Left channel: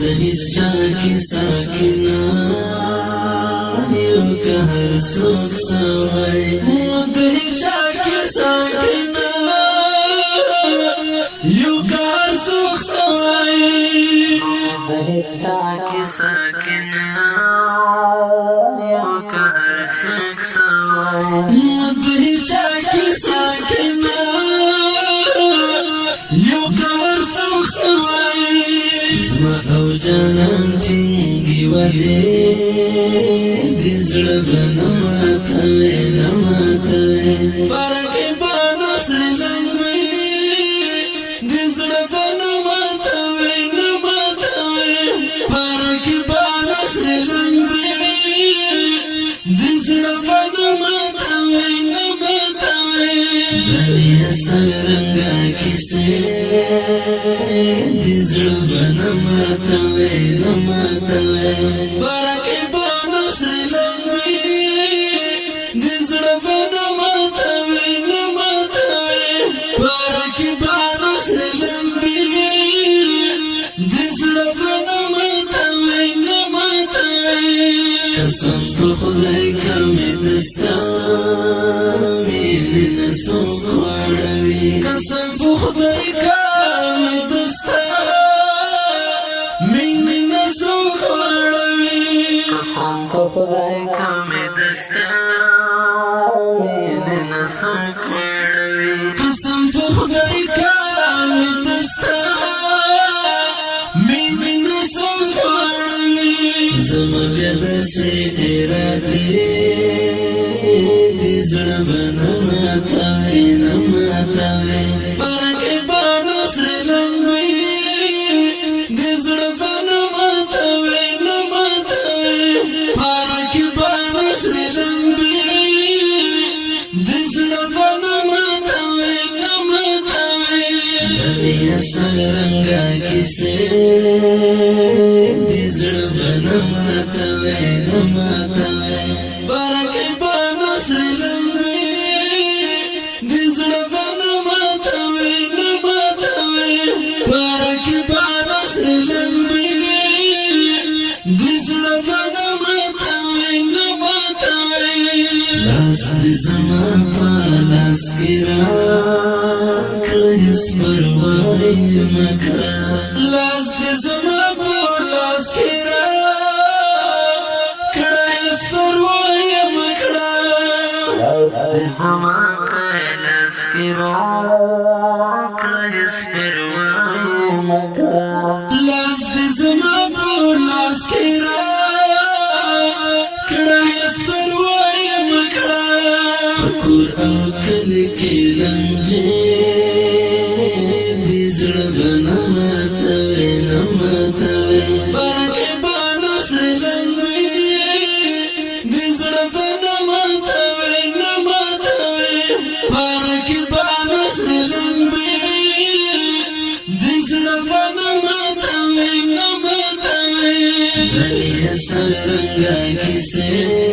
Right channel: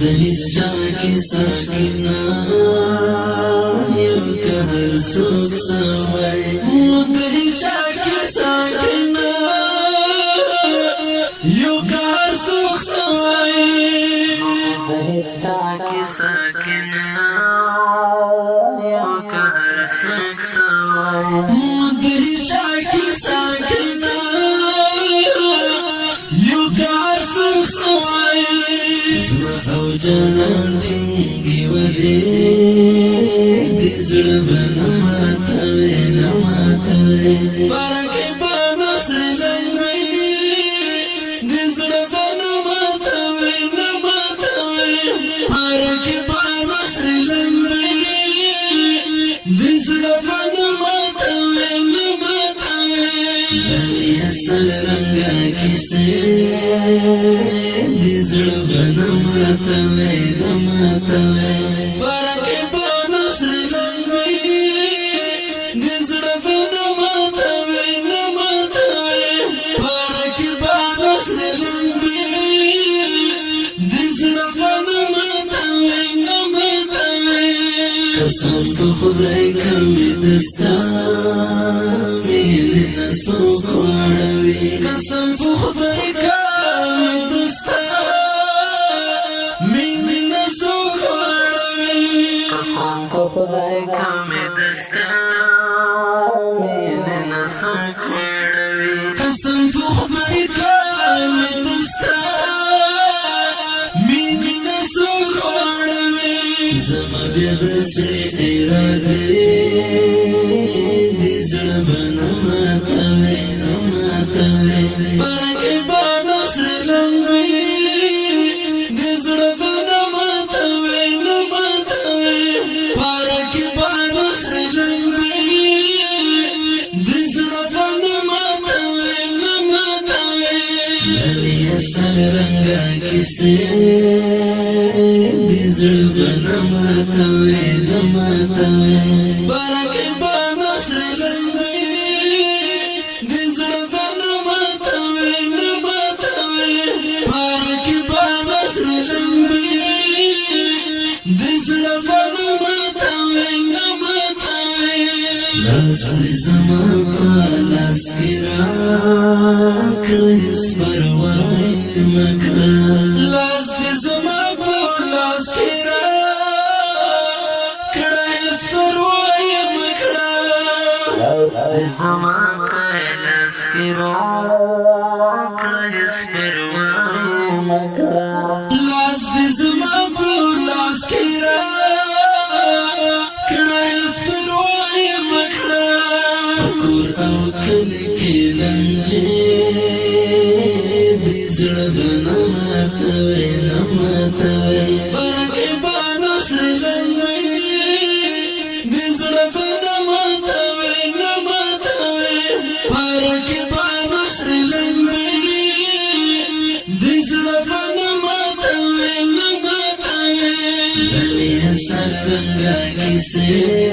دهیس چاکی ساکنا یو که هر سوک سوی دهیس چاکی ساکنا یو که هر سوک سوی دهیس چاکی ساکنا یو که هر سوک سوی دهیس چاکی ساکنا یو که هر سوک سوی زما او جانم ټینګي وهې د زړه به نه ماتوې نه ماتوې بارکې به نصر لمبې د زړه به نه ماتوې نه ماتوې بارکې به نصر لمبې د زړه به نه ماتوې نه ماتوې بلې سرنګه کیسې نماتوي نماتوي بارکې به نصر لمبې د زړه به نماتوي نماتوي بارکې به نصر لمبې د زړه به نماتوي نماتوي قسم په خدای کمې دستا مینې نه څوک واړوي قسم په خدای کمې دستا قسم په خدای کمې دستا مینې نه څوک واړوي قسم په خدای کمې دستا مینې نه څوک واړوي زما بیا داسې ارادې د زړه به نه ماتوې نه ماتوې بارکې به نصر لمبې د زړه به نه ماتوې نه ماتوې بارکې به نصر لمبې د زړه به نه ماتوې نه ماتوې بلې سرنګه کیسې د زړه به نه ماتوې نه ماتوې بارکې به نصر لمبې د زړه به نه ماتوې نه ماتوې بارکې به نصر لمبې د زړه به نه ماتوې نه ماتوې لاس دې زما په لاس کې راکړه هېڅ پروا یې مه کړه لاس دې زما په لاس کې راکړه هېڅ پروا یې مه کړه لاس دې زما په لاس کې راکړه هېڅ پروا یې مه کړه لاس دې زما په لاس کې راکړه هېڅ پروا یې مه کړه په کور او کلي کې لانجې د زړه به نه ماتوې نه ماتوې بارکې به نصر لمبې د زړه به نه ماتوې نه ماتوې بارکې به نصر لمبې د زړه به نه ماتوې نه ماتوې بلې سرنګه کیسې